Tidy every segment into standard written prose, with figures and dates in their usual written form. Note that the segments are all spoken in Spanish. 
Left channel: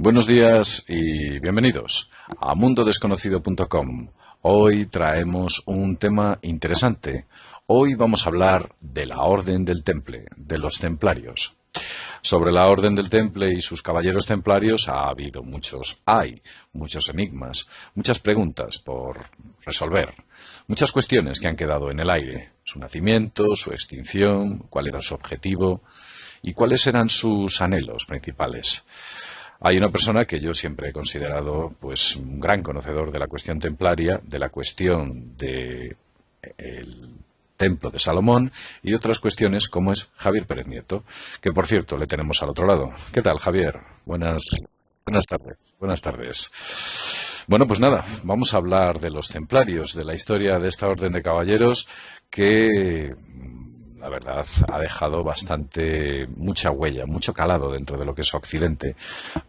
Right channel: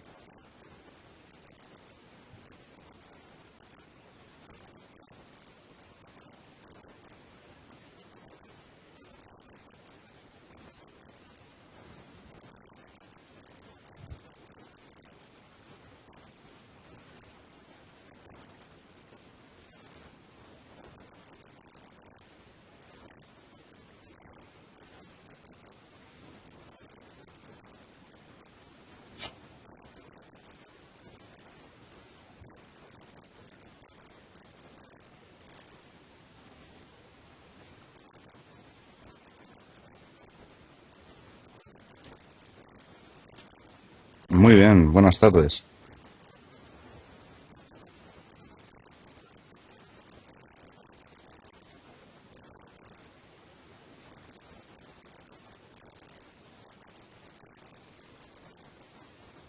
Buenos días y bienvenidos a mundodesconocido.com. Hoy traemos un tema interesante. Hoy vamos a hablar de la Orden del Temple, de los Templarios. Sobre la Orden del Temple y sus caballeros templarios hay muchos enigmas, muchas preguntas por resolver, muchas cuestiones que han quedado en el aire. Su nacimiento, su extinción, cuál era su objetivo y cuáles eran sus anhelos principales. Hay una persona que yo siempre he considerado pues un gran conocedor de la cuestión templaria, de la cuestión del templo de Salomón y otras cuestiones como es Javier Pérez Nieto, que por cierto le tenemos al otro lado. ¿Qué tal, Javier? Muy bien, buenas tardes. Buenas tardes. Bueno, pues nada, vamos a hablar de los templarios, de la historia de esta orden de caballeros que la verdad ha dejado mucha huella, mucho calado dentro de lo que es Occidente.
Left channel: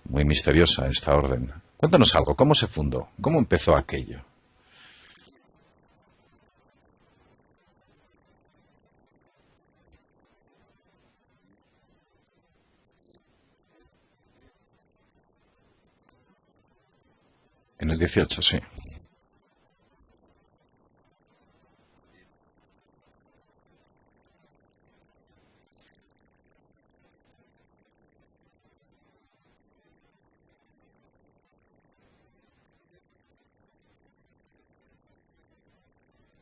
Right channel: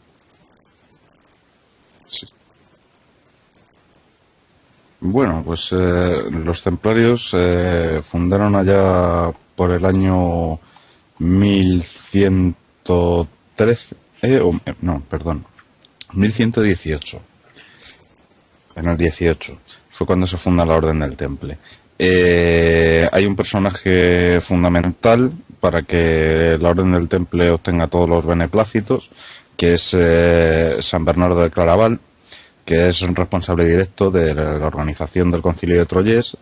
Muy misteriosa esta orden. Cuéntanos algo, ¿cómo se fundó? ¿Cómo empezó aquello? Bueno, pues los templarios fundaron allá por el año 1113, no, perdón, 1118. En el 18, sí. En el 18 fue cuando se funda la Orden del Temple. Hay un personaje fundamental para que la Orden del Temple obtenga todos los beneplácitos, que es San Bernardo de Claraval, que es un responsable directo de la organización del Concilio de Troyes,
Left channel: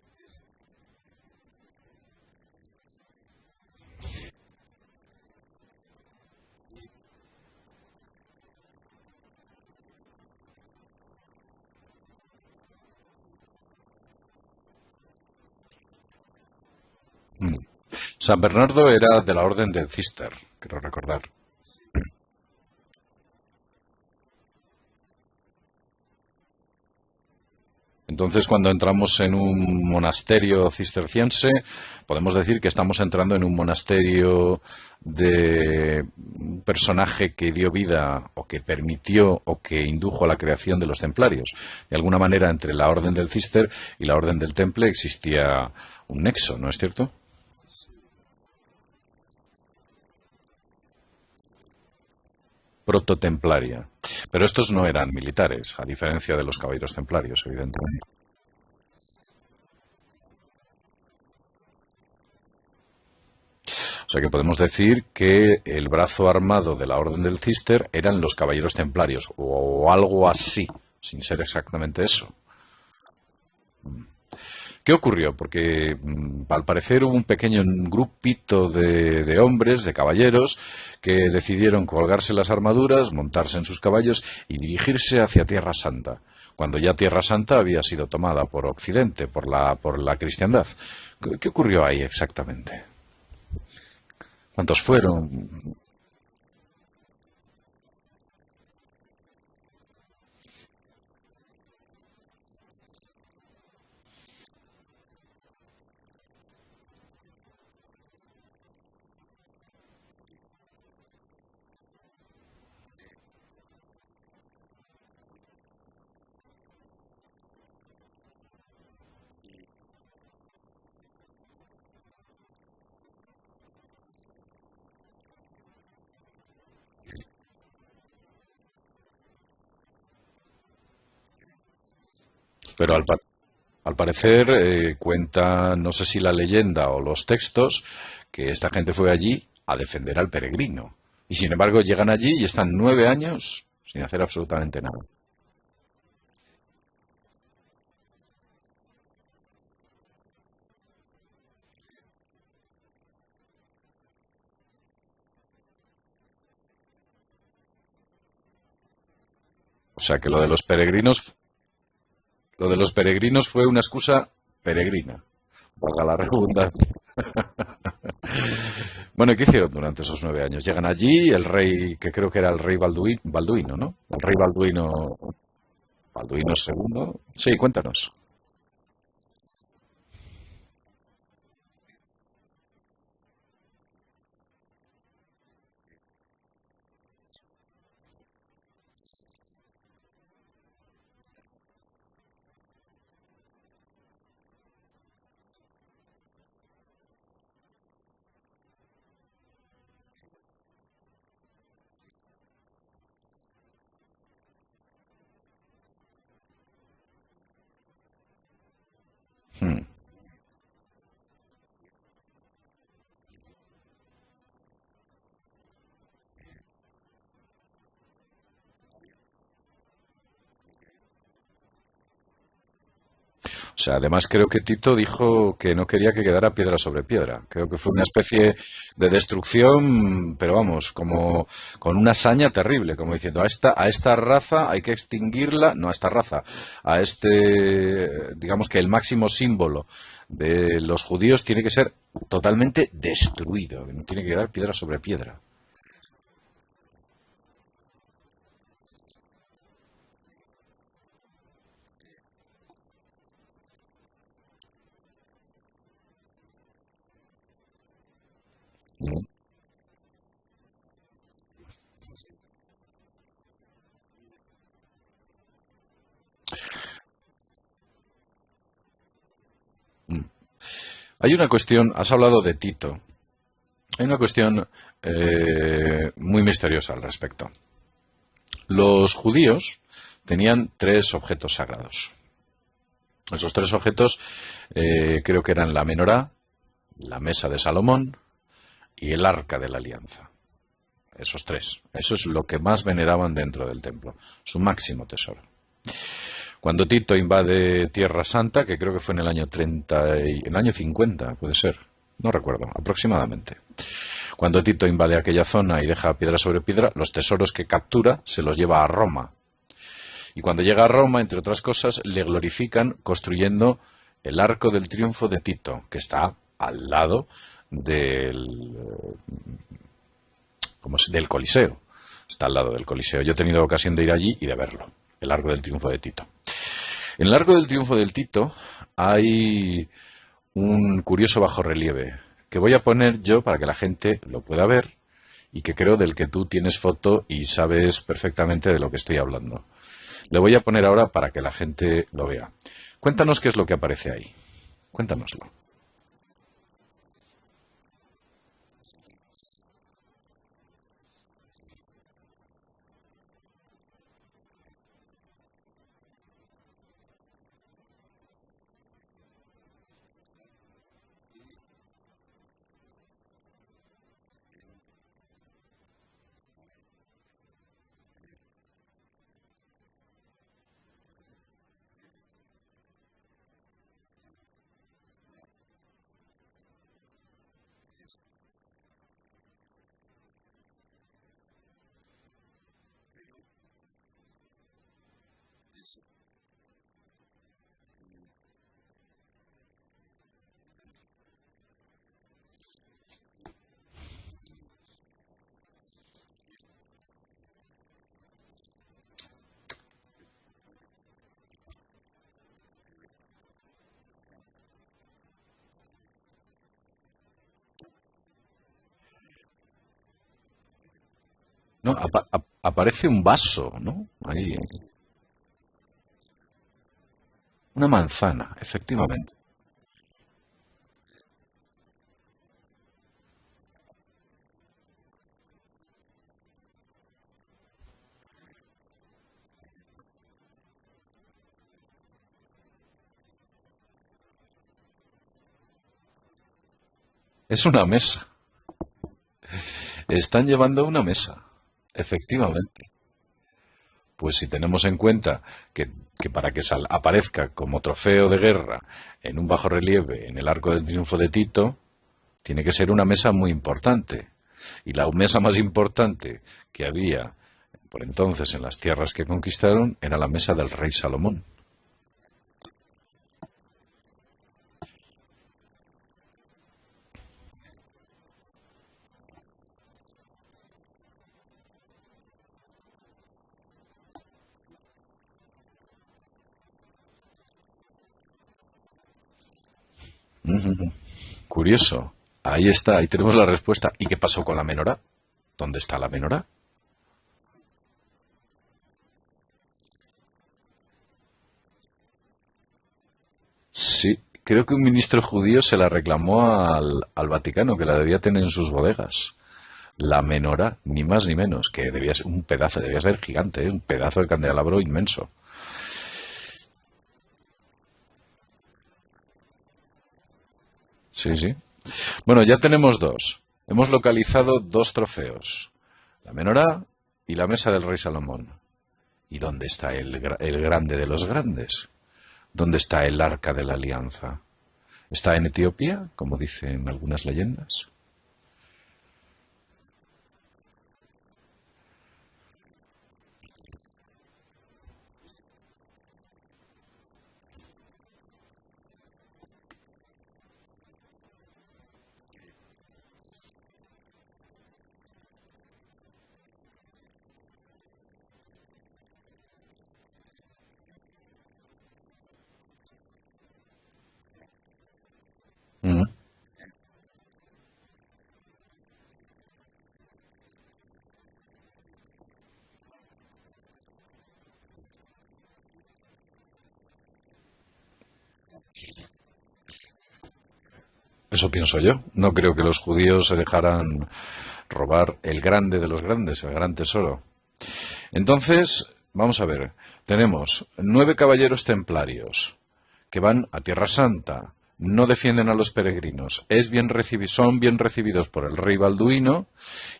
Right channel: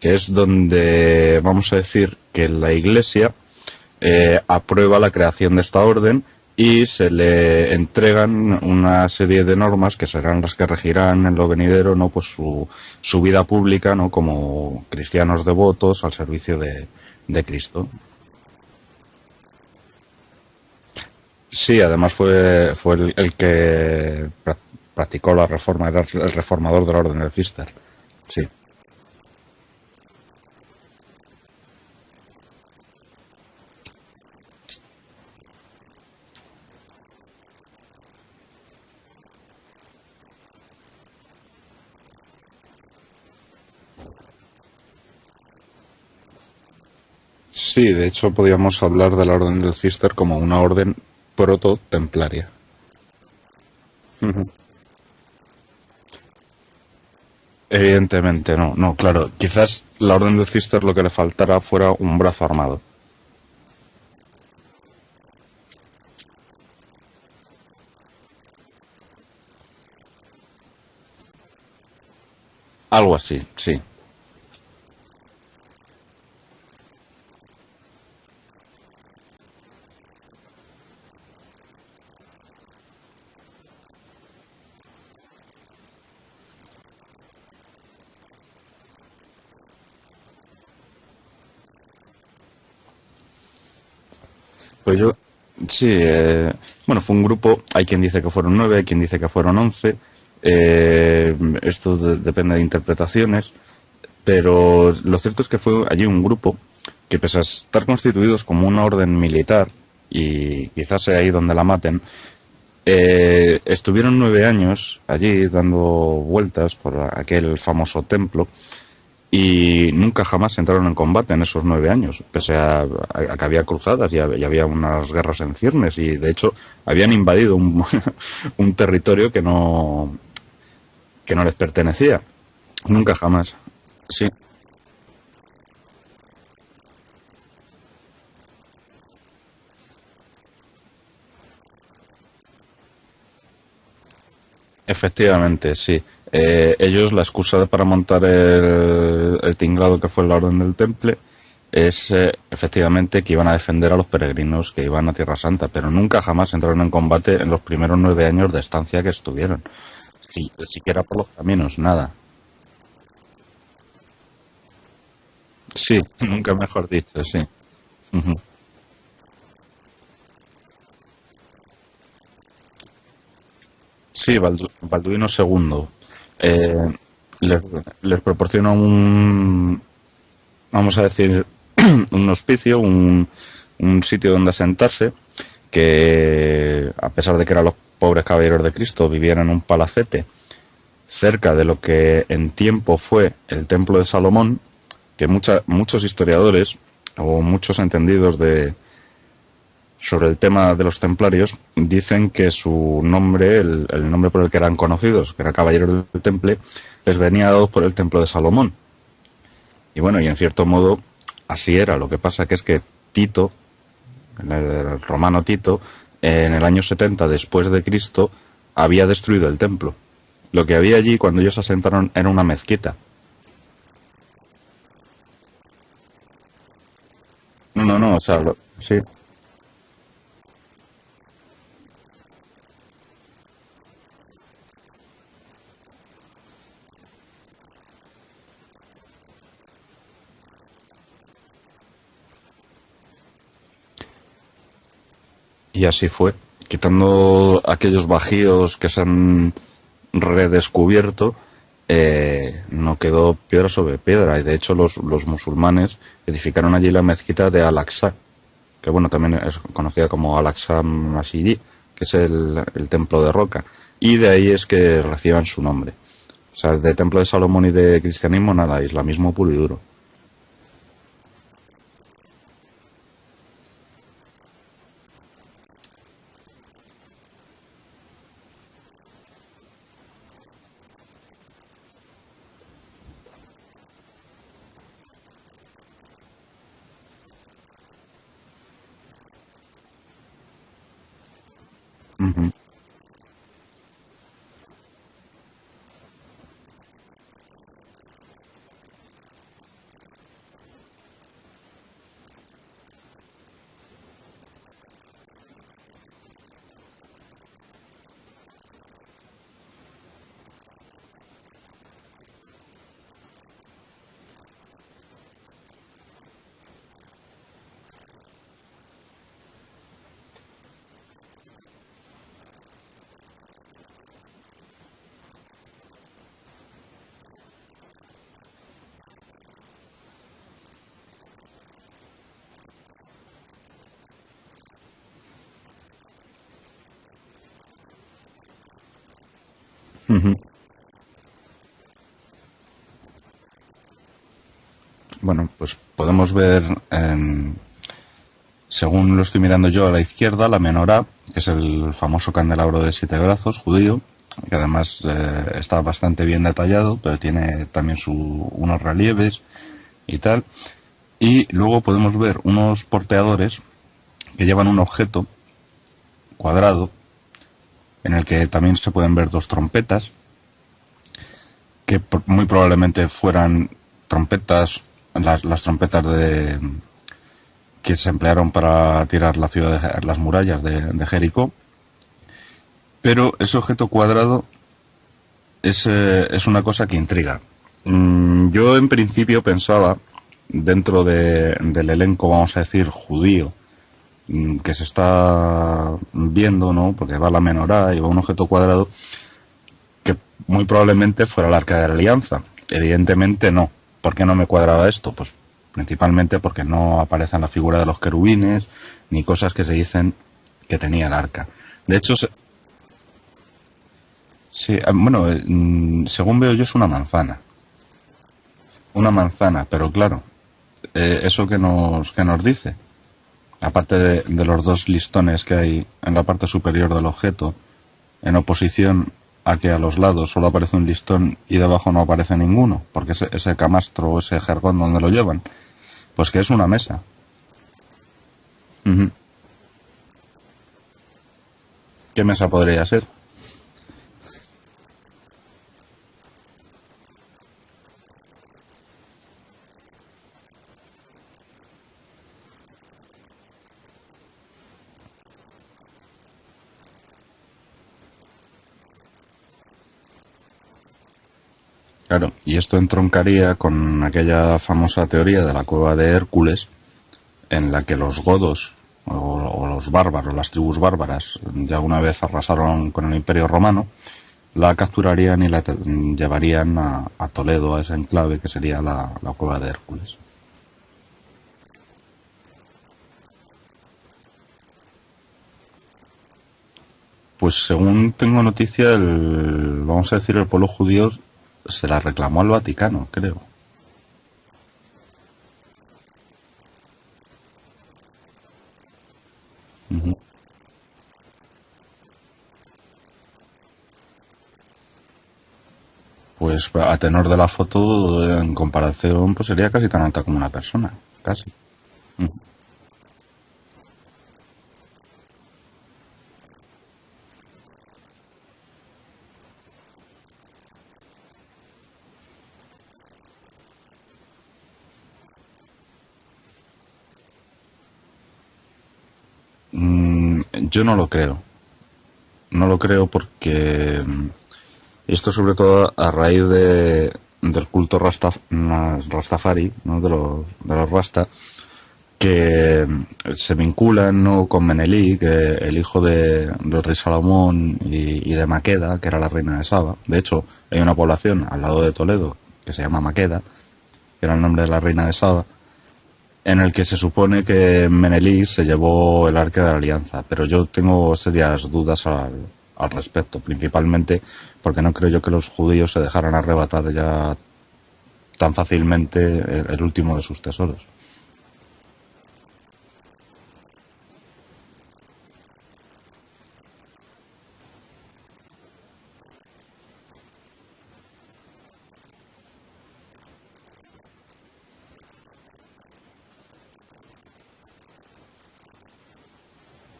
que es donde vamos a decir que la Iglesia aprueba la creación de esta orden y se le entregan una serie de normas que serán las que regirán en lo venidero, ¿no? Pues su vida pública, ¿no? Como cristianos devotos al servicio de Cristo. San Bernardo era de la orden del Cister, quiero recordar. Sí, además fue el que practicó la reforma, era el reformador de la orden del Cister. Entonces, Sí. Cuando entramos en un monasterio cisterciense, podemos decir que estamos entrando en un monasterio de un personaje que dio vida o que permitió o que indujo a la creación de los templarios. De alguna manera, entre la orden del Cister y la orden del Temple existía un nexo, ¿no es cierto? Sí, de hecho podríamos hablar de la orden del Cister como una orden proto-templaria. Prototemplaria. Pero estos no eran militares, a diferencia de los caballeros templarios, evidentemente. Evidentemente no, claro. Quizás la orden del Cister lo que le faltara fuera un brazo armado. O sea que podemos decir que el brazo armado de la orden del Cister eran los caballeros templarios, o algo así, sin ser exactamente eso. Algo así, sí. ¿Qué ocurrió? Porque al parecer hubo un pequeño grupito de hombres, de caballeros, que decidieron colgarse las armaduras, montarse en sus caballos y dirigirse hacia Tierra Santa, cuando ya Tierra Santa había sido tomada por Occidente, por la cristiandad. ¿Qué ocurrió ahí exactamente? ¿Cuántos fueron? Sí, bueno, fue un grupo, hay quien dice que fueron 9, hay quien dice que fueron 11. Esto depende de interpretaciones. Pero lo cierto es que fue allí un grupo que, pese a estar constituidos como una orden militar, y quizás sea ahí donde la maten, estuvieron 9 años allí dando vueltas por aquel famoso templo y nunca jamás entraron en combate en esos 9 años, pese a que había cruzadas y había unas guerras en ciernes y de hecho habían invadido un territorio que no les pertenecía. Pero Nunca jamás. Al parecer, cuenta, no sé si la leyenda o los textos, que esta gente fue allí a defender al peregrino. Y sin embargo llegan allí y están 9 años sin hacer absolutamente nada. Efectivamente, sí. Ellos, la excusa para montar el tinglado que fue la Orden del Temple es efectivamente que iban a defender a los peregrinos que iban a Tierra Santa, pero nunca jamás entraron en combate en los primeros 9 años de estancia que estuvieron. O sea que lo de los peregrinos... Los caminos, nada. Lo de los peregrinos fue una excusa peregrina. Sí, nunca mejor dicho, sí. Bueno, ¿y qué hicieron durante esos 9 años? Llegan allí, el rey, que creo que era el rey Balduino, ¿no? Sí, Balduino II. Balduino II. Sí, cuéntanos. Les proporciona vamos a decir, un hospicio, un sitio donde asentarse, que a pesar de que eran los pobres caballeros de Cristo, vivían en un palacete cerca de lo que en tiempo fue el Templo de Salomón, que muchos historiadores o muchos entendidos sobre el tema de los templarios, dicen que su nombre, el nombre por el que eran conocidos, que era Caballeros del Temple, les venía dado por el Templo de Salomón. Y bueno, y en cierto modo así era. Lo que pasa que es que Tito, el romano Tito, en el año 70 después de Cristo, había destruido el templo. Lo que había allí cuando ellos asentaron era una mezquita. O sea, además creo que Tito dijo que no quería que quedara piedra sobre piedra. Creo que No, fue no, una no, o sea, especie sí. de destrucción, pero vamos, como con una hazaña terrible, como diciendo, a esta raza hay que extinguirla, no a esta raza, a este, digamos que el máximo símbolo de los judíos tiene que ser totalmente destruido, tiene que quedar piedra sobre piedra. Y así fue, quitando aquellos bajíos que se han redescubierto, no quedó piedra sobre piedra. Y de hecho los musulmanes edificaron allí la mezquita de Al-Aqsa, que bueno, también es conocida como Al-Aqsa Masjid, que es el templo de roca. Y de ahí es que reciban su nombre. O sea, de templo de Salomón y de cristianismo nada, islamismo puro y duro. Hay una cuestión, has hablado de Tito, hay una cuestión muy misteriosa al respecto. Los judíos tenían tres objetos sagrados. Esos tres objetos creo que eran la menorá, la mesa de Salomón y el arca de la alianza. Esos tres. Eso es lo que más veneraban dentro del templo. Su máximo tesoro. Cuando Tito invade Tierra Santa, que creo que fue en el año 30, en el año 50, puede ser, no recuerdo, aproximadamente. Cuando Tito invade aquella zona y deja piedra sobre piedra, los tesoros que captura se los lleva a Roma. Y cuando llega a Roma, entre otras cosas, le glorifican construyendo el Arco del Triunfo de Tito, que está al lado del Coliseo. Está al lado del Coliseo. Yo he tenido ocasión de ir allí y de verlo, el Arco del Triunfo de Tito. En el Arco del Triunfo del Tito hay un curioso bajorrelieve que voy a poner yo para que la gente lo pueda ver y que creo del que tú tienes foto y sabes perfectamente de lo que estoy hablando. Le voy a poner ahora para que la gente lo vea. Cuéntanos qué es lo que aparece ahí. Cuéntanos. Bueno, pues podemos ver, según lo estoy mirando yo, a la izquierda, la menorá, que es el famoso candelabro de 7 brazos judío, que además está bastante bien detallado, pero tiene también unos relieves y tal. Y luego podemos ver unos porteadores que llevan un objeto cuadrado en el que también se pueden ver dos trompetas, que muy probablemente fueran trompetas, las trompetas que se emplearon para tirar la ciudad las murallas de Jericó. Pero ese objeto cuadrado es una cosa que intriga. Yo en principio pensaba, dentro del elenco, vamos a decir, judío, que se está viendo, ¿no? Porque va la menorá y va un objeto cuadrado, que muy probablemente fuera el Arca de la Alianza. Evidentemente no. ¿Por qué no me cuadraba esto? Pues principalmente porque no aparecen la figura de los querubines ni cosas que se dicen que tenía el arca. No, De hecho, aparece un vaso, ¿no? Ahí. sí, bueno, según veo yo es una manzana. Una manzana, Una efectivamente. manzana, pero claro, eso que nos dice, aparte de los dos listones que hay en la parte superior del objeto, en oposición a que a los lados solo aparece un listón y debajo no aparece ninguno, porque ese camastro o ese jergón donde lo llevan, pues que es una mesa. Es una mesa. Ujú. Están llevando una mesa. ¿Qué mesa Efectivamente. podría ser? Pues si tenemos en cuenta que para que aparezca como trofeo de guerra en un bajorrelieve en el Arco del Triunfo de Tito, tiene que ser una mesa muy importante. Y la mesa más importante que había por entonces en las tierras que conquistaron era la mesa del rey Salomón. Claro, y esto entroncaría con aquella famosa teoría de la cueva de Hércules, en la que los godos o los bárbaros, las tribus bárbaras, ya una vez arrasaron con el Imperio Romano, la capturarían y la llevarían a Toledo, a ese enclave que sería la cueva de Hércules. Curioso. Ahí está, ahí tenemos la respuesta. ¿Y qué pasó con la menorá? ¿Dónde está la menorá? Pues según tengo noticia, vamos a decir, el pueblo judío se la reclamó al Vaticano, creo. Sí, creo que un ministro judío se la reclamó al Vaticano, que la debía tener en sus bodegas. Ujú. La menorá, ni más ni menos, que debía ser un pedazo, debía ser gigante, ¿eh? Un pedazo de candelabro inmenso. Pues a tenor de la foto, en comparación, pues sería casi tan alta como una persona. Sí, Casi. sí. Bueno, ya tenemos dos. Hemos localizado dos trofeos. La menorá y la mesa del rey Salomón. ¿Y dónde está el grande de los grandes? ¿Dónde está el arca de la alianza? ¿Está en Etiopía, como dicen algunas leyendas? Yo no lo creo. No lo creo porque esto sobre todo a raíz del culto Rastafari, ¿no? De los Rasta, que se vinculan, ¿no? Con Menelik, el hijo del rey Salomón y de Maqueda, que era la reina de Saba. De hecho, hay una población al lado de Toledo que se llama Maqueda, que era el nombre de la reina de Saba, Mm. en el que se supone que Menelik se llevó el Arca de la Alianza, pero yo tengo serias dudas al respecto, principalmente porque no creo yo que los judíos se dejaran arrebatar ya tan fácilmente el último de sus tesoros. Eso pienso yo. No creo que los judíos se dejaran robar el grande de los grandes, el gran tesoro. Entonces, vamos a ver. Tenemos 9 caballeros templarios que van a Tierra Santa. No defienden a los peregrinos. Son bien recibidos por el rey Balduino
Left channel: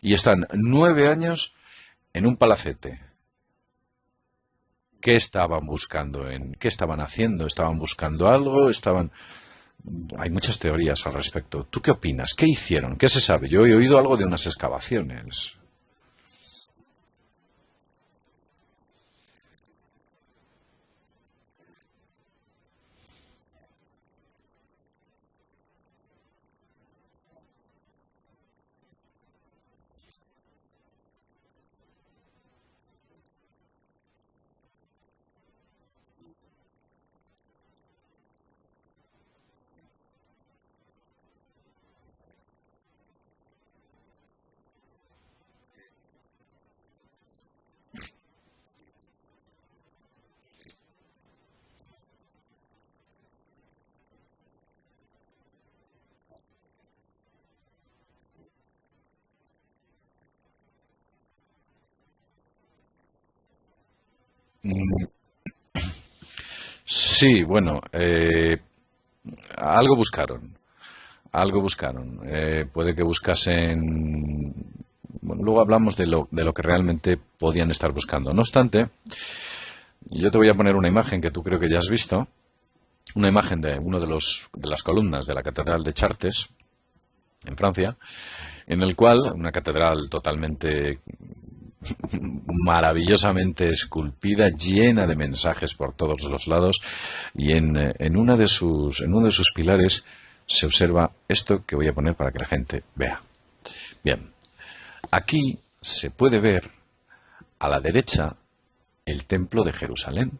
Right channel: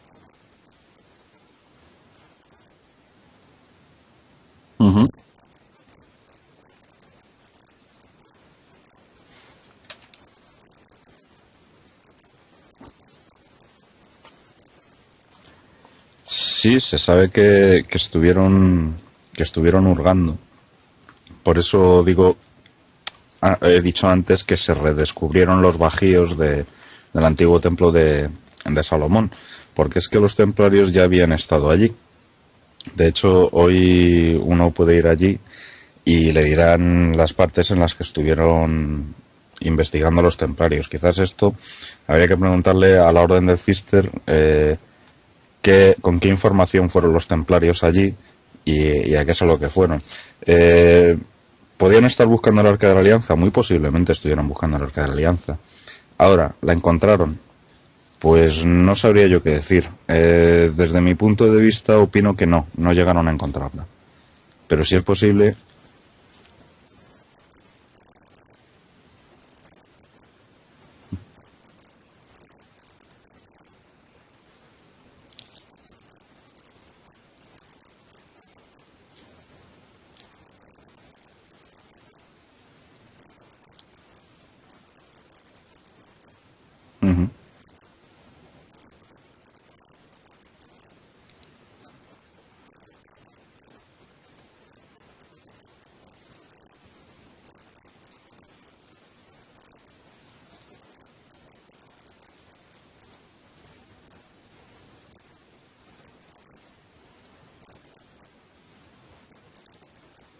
y están 9 años en un palacete. Ujú. ¿Qué estaban buscando? ¿Qué estaban haciendo? ¿Estaban buscando algo? Hay muchas teorías al respecto. ¿Tú qué opinas? ¿Qué hicieron? ¿Qué se sabe? Yo he oído algo de unas excavaciones. Sí, se sabe que estuvieron hurgando. Por eso digo, he dicho antes que se redescubrieron los bajíos del antiguo templo de Salomón, porque es que los templarios ya habían estado allí. De hecho, hoy uno puede ir allí y le dirán las partes en las que estuvieron investigando los templarios. Quizás esto habría que preguntarle a la Orden del Cister con qué información fueron los templarios allí y a qué es a lo que fueron. Eh, ¿Podían estar buscando el Arca de la Alianza? Muy posiblemente estuvieran buscando el Arca de la Alianza. Ahora, ¿la encontraron? Pues no sabría yo qué decir. Desde mi punto de vista opino que no llegaron a encontrarla. Pero si es Bueno, posible, sí, bueno, algo buscaron. Algo buscaron. Puede que buscasen. Bueno, luego hablamos de lo que realmente podían estar buscando. No obstante, yo te voy a poner una imagen que tú creo que ya has visto. Una imagen de uno de las columnas de la Catedral de Chartres, ujú, en Francia, en el cual, una catedral totalmente maravillosamente esculpida, llena de mensajes por todos los lados, y en uno de sus pilares se observa esto que voy a poner para que la gente vea. Bien, aquí se puede ver a la derecha el templo de Jerusalén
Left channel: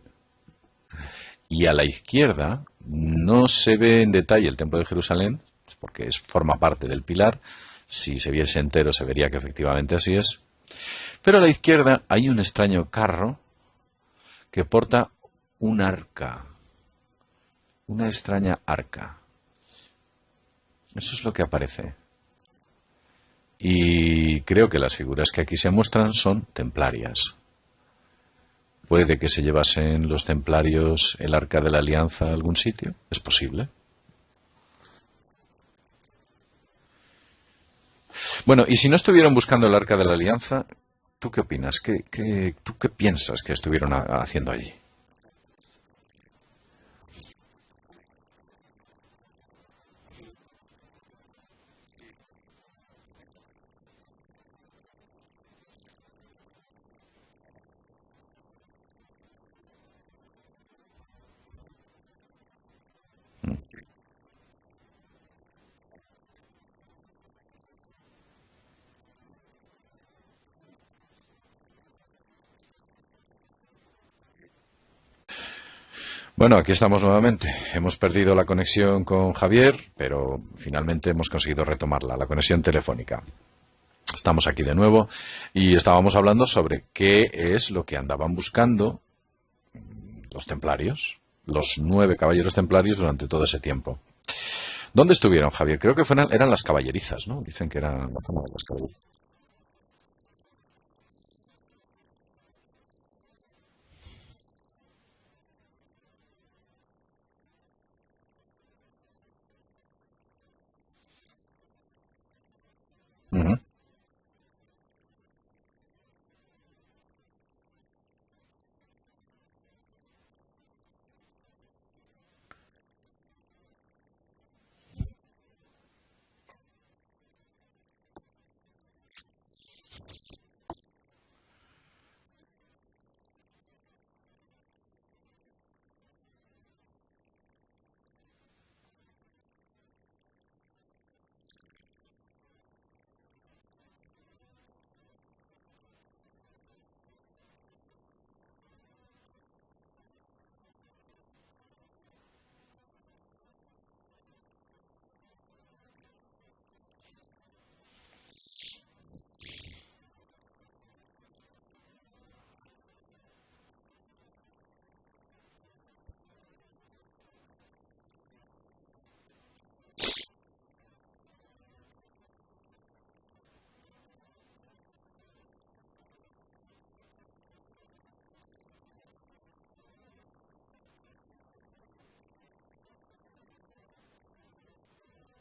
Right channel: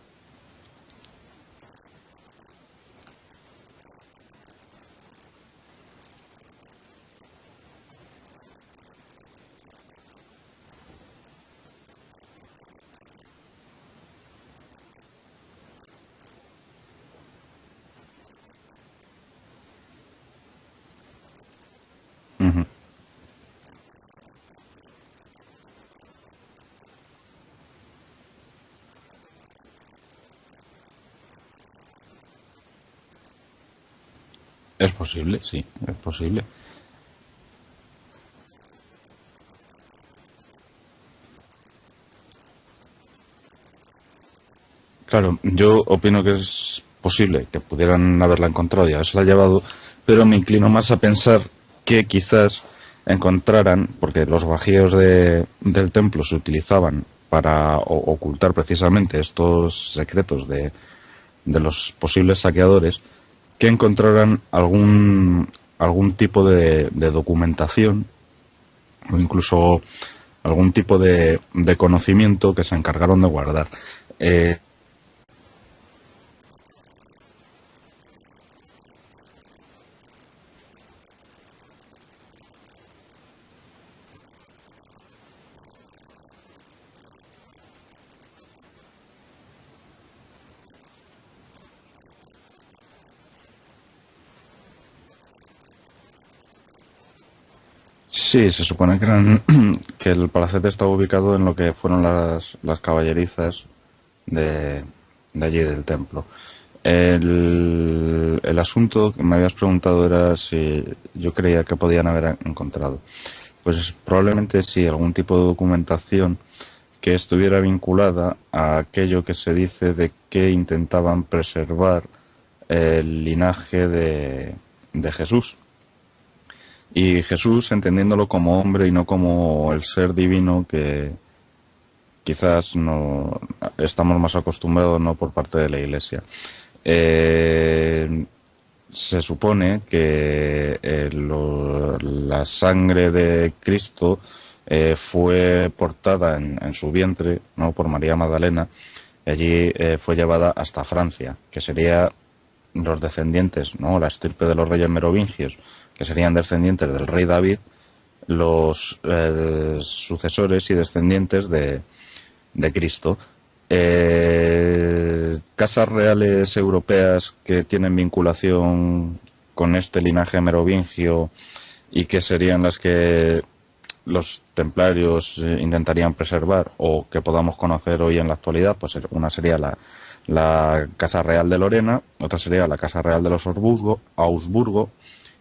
y a la izquierda no se ve en detalle el templo de Jerusalén porque forma parte del pilar. Si se viese entero se vería que efectivamente así es. Pero a la izquierda hay un extraño carro que porta un arca, una extraña arca. Eso es lo que aparece. ujú. Y creo que las figuras que aquí se muestran son templarias. ¿Puede que se llevasen los templarios el arca de la alianza a algún sitio? ¿Es posible? Es posible, sí, es posible. Bueno, y si no estuvieron buscando el arca de la alianza, ¿tú qué opinas? ¿Tú qué piensas que estuvieron haciendo allí? Claro, yo opino que es posible que pudieran haberla encontrado y haberse llevado, pero me inclino más a pensar que quizás encontraran, porque los bajíos del templo se utilizaban para ocultar precisamente estos secretos de los posibles saqueadores, que encontraran algún tipo de documentación o incluso algún tipo de conocimiento que se encargaron de guardar. Eh, Bueno, aquí estamos nuevamente. Hemos perdido la conexión con Javier, pero finalmente hemos conseguido retomarla, la conexión telefónica. Estamos aquí de nuevo y estábamos hablando sobre qué es lo que andaban buscando los templarios, los 9 caballeros templarios durante todo ese tiempo. ¿Dónde estuvieron, Javier? Creo que eran las caballerizas, ¿no? Dicen que eran... Sí, se supone que que el palacete estaba ubicado en lo que fueron las caballerizas de allí del templo. El asunto que me habías preguntado era si yo creía que podían haber encontrado. Ujú. Pues probablemente sí, algún tipo de documentación que estuviera vinculada a aquello que se dice de que intentaban preservar el linaje de Jesús. Y Jesús entendiéndolo como hombre y no como el ser divino que quizás no estamos más acostumbrados, no por parte de la Iglesia. Eh, Se supone que la sangre de Cristo fue portada en su vientre, no, por María Magdalena, y allí fue llevada hasta Francia, que sería los descendientes, no, la estirpe de los reyes merovingios, que serían descendientes del rey David, los sucesores y descendientes de Cristo. Casas reales europeas que tienen vinculación con este linaje merovingio y que serían las que los templarios intentarían preservar o que podamos conocer hoy en la actualidad, pues una sería la Casa Real de Lorena, otra sería la Casa Real de los Augsburgo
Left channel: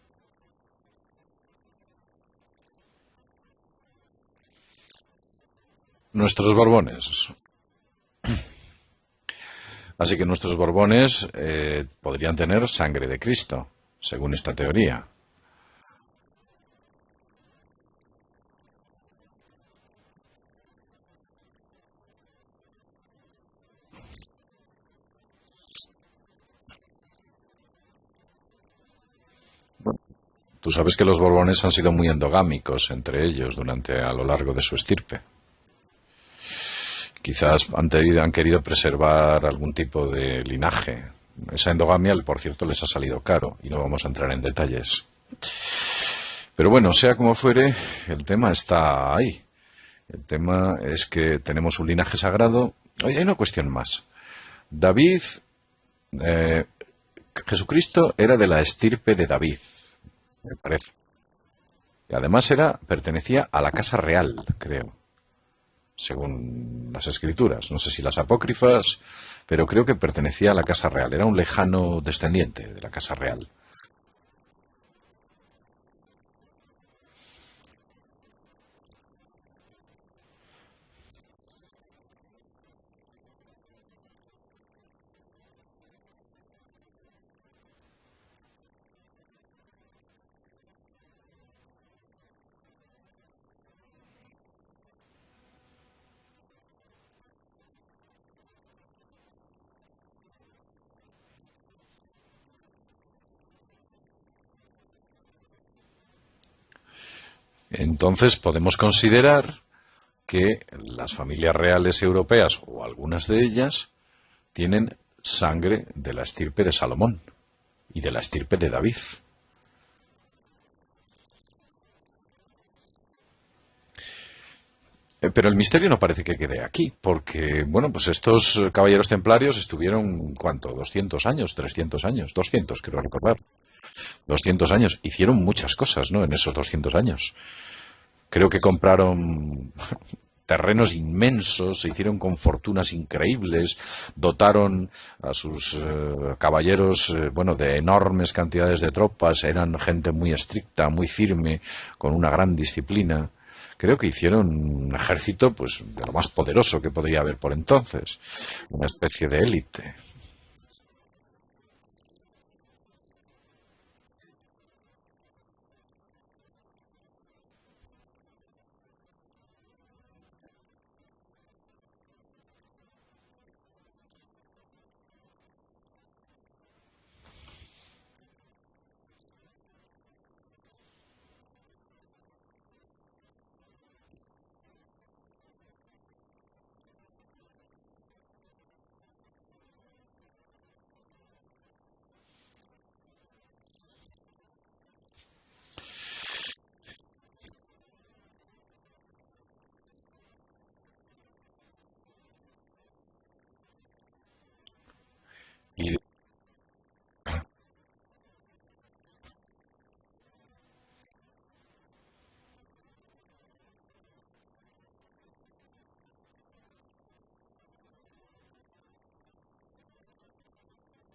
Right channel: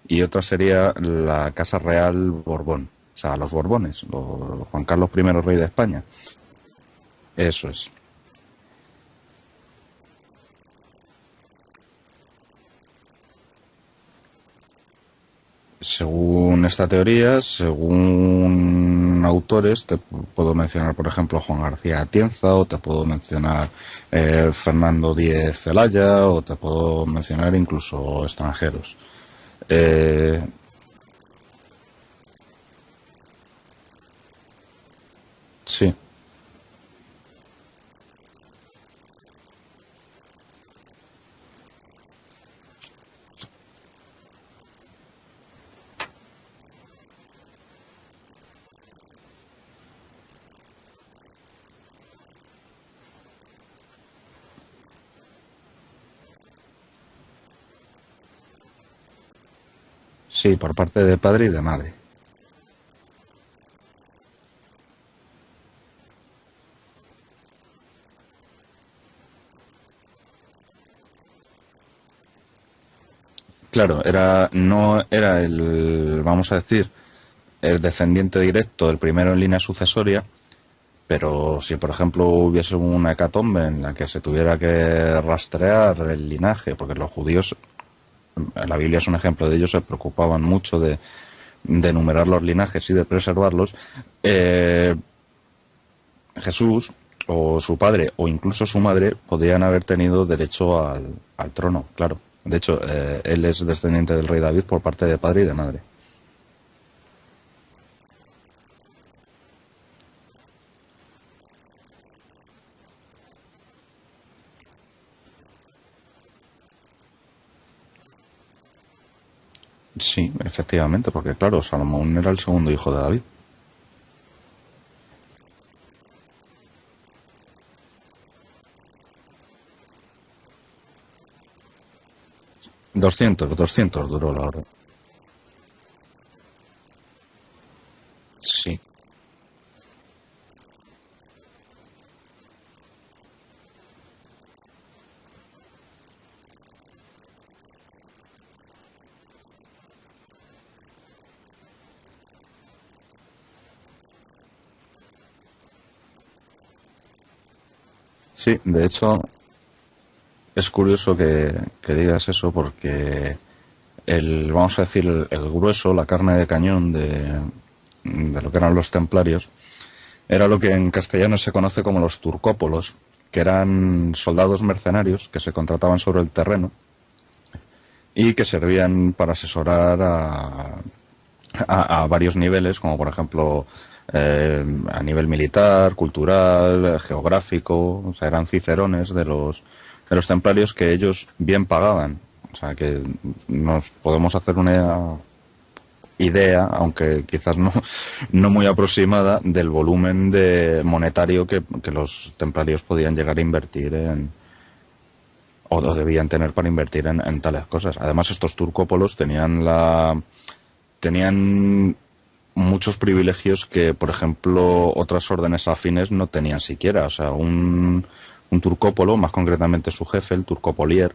y otra sería la Casa Real Borbón, o sea, los Borbones, Juan Carlos I, rey de España. Nuestros Borbones. Eso es. Así que nuestros Borbones podrían tener sangre de Cristo, según esta teoría. Según esta teoría, según autores, te puedo mencionar, por ejemplo, Juan García Atienza, o te puedo mencionar Fernando Díez Zelaya, o te puedo mencionar incluso extranjeros. Tú sabes que los Borbones han sido muy endogámicos entre ellos a lo largo de su estirpe. Sí. Quizás han querido preservar algún tipo de linaje. Esa endogamia, por cierto, les ha salido caro y no vamos a entrar en detalles. Pero bueno, sea como fuere, el tema está ahí. El tema es que tenemos un linaje sagrado. Oye, hay una cuestión más. David, Jesucristo era de la estirpe de David. Sí, por parte de padre y de madre. Y además pertenecía a la casa real, creo, según las escrituras. No sé si las apócrifas, pero creo que pertenecía a la casa real. Era un lejano descendiente de la casa real. Claro, no era vamos a decir, el descendiente directo, el primero en línea sucesoria, pero si por ejemplo hubiese una hecatombe en la que se tuviera que rastrear el linaje, porque los judíos, la Biblia es un ejemplo de ellos, se preocupaban mucho de enumerar los linajes y de preservarlos, Jesús o su padre o incluso su madre podrían haber tenido derecho al trono, claro. De hecho, él es descendiente del rey David por parte de padre y de madre. Entonces podemos considerar que las familias reales europeas, o algunas de ellas, tienen sangre de la estirpe de Salomón y de la estirpe de David. Sí, efectivamente, porque claro, Salomón era el segundo hijo de David. Pero el misterio no parece que quede aquí, porque, bueno, pues estos caballeros templarios estuvieron, ¿cuánto? ¿200 años? ¿300 años? 200, creo. 200 duró. 200 años. Hicieron muchas cosas, ¿no?, en esos 200 años. Creo que compraron terrenos inmensos, se hicieron con fortunas increíbles, dotaron a sus caballeros, bueno, de enormes cantidades de tropas, eran gente muy estricta, muy firme, con una gran disciplina. Creo que hicieron un ejército, pues, de lo más poderoso que podría haber por entonces. Sí, de una hecho, especie de élite. es curioso que digas eso porque vamos a decir, el grueso, la carne de cañón de lo que eran los templarios, era lo que en castellano se conoce como los turcópolos, que eran soldados mercenarios que se contrataban sobre el terreno y que servían para asesorar a varios niveles, como por ejemplo a nivel militar, cultural, geográfico. O sea, eran cicerones de los templarios que ellos bien pagaban. O sea, que nos podemos hacer una idea, aunque quizás no muy aproximada, del volumen monetario que los templarios podían llegar a invertir en... o lo debían tener para invertir en tales cosas. Además, estos turcópolos tenían muchos privilegios que, por ejemplo, otras órdenes afines no tenían siquiera. O sea, un turcópolo, más concretamente su jefe, el turcopolier,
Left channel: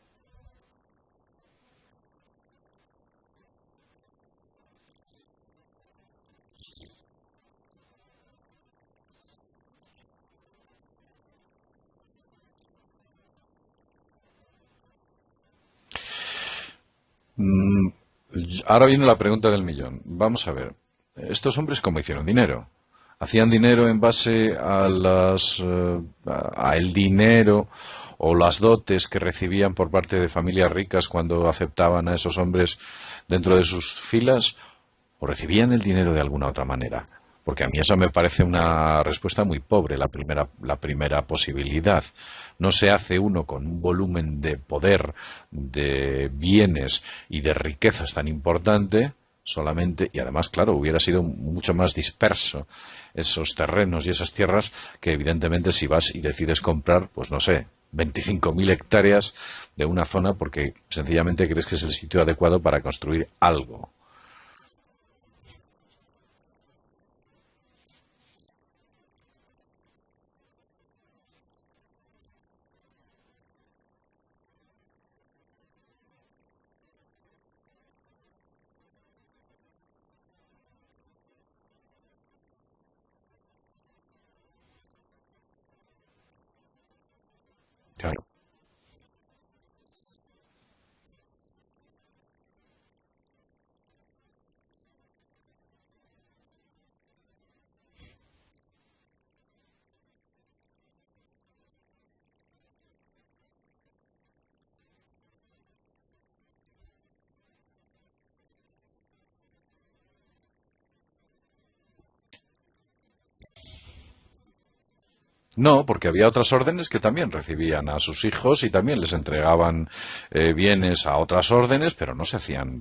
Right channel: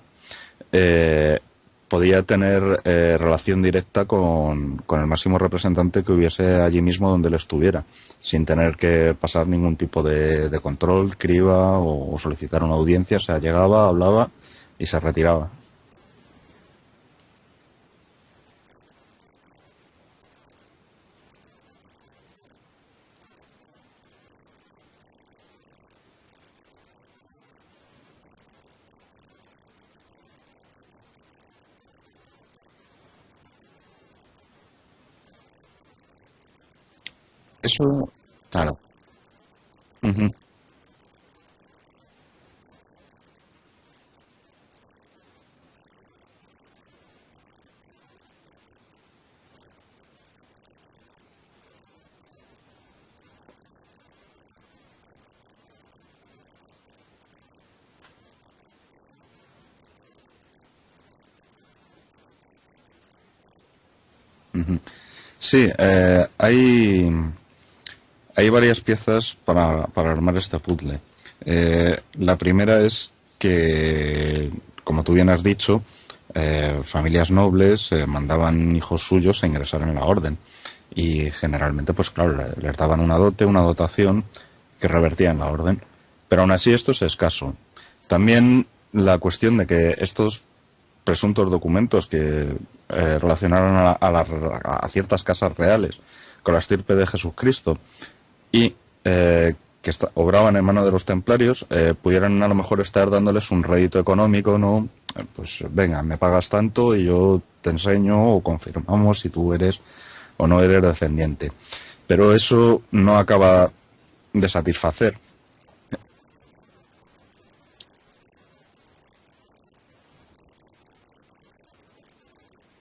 eh, podía tener relación directa con el máximo representante que hubiese allí mismo donde él estuviera, sin tener que pasar ningún tipo de control, criba o solicitar una audiencia. O sea, llegaba, hablaba y se retiraba. Mm, Ahora viene la pregunta del millón. Vamos a ver, ¿estos hombres cómo hicieron dinero? ¿Hacían dinero en base a el dinero o las dotes que recibían por parte de familias ricas cuando aceptaban a esos hombres dentro de sus filas? ¿O recibían el dinero de alguna otra manera? Porque a mí eso me Eso, parece claro. una respuesta muy pobre, Ujú. la primera posibilidad. No se hace uno con un volumen de poder, de bienes y de riquezas tan importante solamente, y además, claro, hubiera sido mucho más disperso esos terrenos y esas tierras que evidentemente si vas y decides comprar, pues no sé, 25.000 hectáreas de una zona porque sencillamente crees que es el sitio adecuado para construir algo. Sí, hay varias piezas para armar este puzzle. La primera es que, como tú bien has dicho, familias nobles mandaban hijos suyos a ingresar en la orden. Y generalmente, pues claro, les daban una dote, una dotación que revertía en la orden. Pero aún así esto es escaso. Claro. También la cuestión de que estos presuntos documentos que relacionaron a ciertas casas reales con la estirpe de Jesucristo y que obraban en mano de los templarios, pudieran a lo mejor estar dándoles un rédito económico, ¿no? Pues venga, me pagas tanto y yo te enseño o confirmamos si tú eres o no eres descendiente. Pero eso no acaba de satisfacer. No, porque había otras órdenes que también recibían a sus hijos y también les entregaban bienes a otras órdenes, pero no se hacían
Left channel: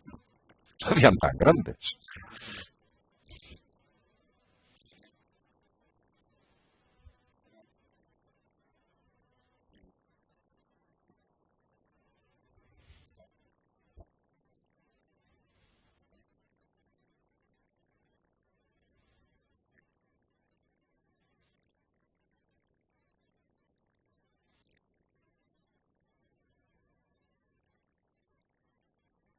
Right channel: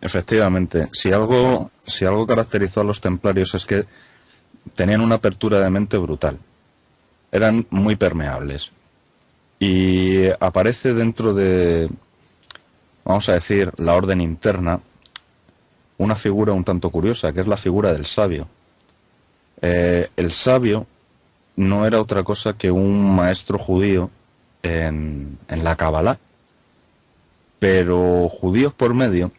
Efectivamente, no se hacían tan grandes. si algo caracterizó a los templarios es que tenían una apertura de mente brutal. Eran muy permeables. Y aparece dentro de, vamos a decir, la orden interna, una figura un tanto curiosa, que es la figura del sabio. El sabio no era otra cosa que un maestro judío en la Kabbalah, pero judíos por medio,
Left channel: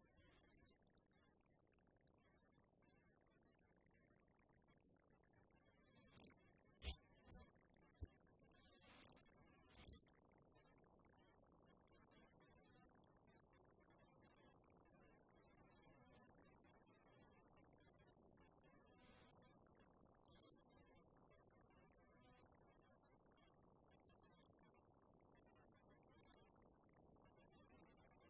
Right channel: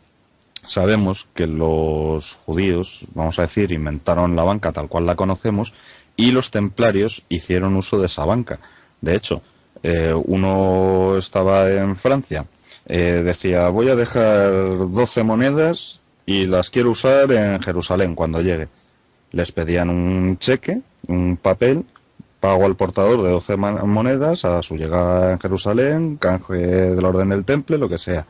sabemos que los judíos, vamos a decir, inventaron la banca tal cual la conocemos y los templarios hicieron uso de esa banca. De hecho, uno estaba en Francia, decía, voy a dejar 12 monedas y las quiero usar en Jerusalén cuando llegue. Les pedían un cheque, un papel, pago al portador de 12 monedas a su llegada en Jerusalén, canje del orden del temple, lo que sea.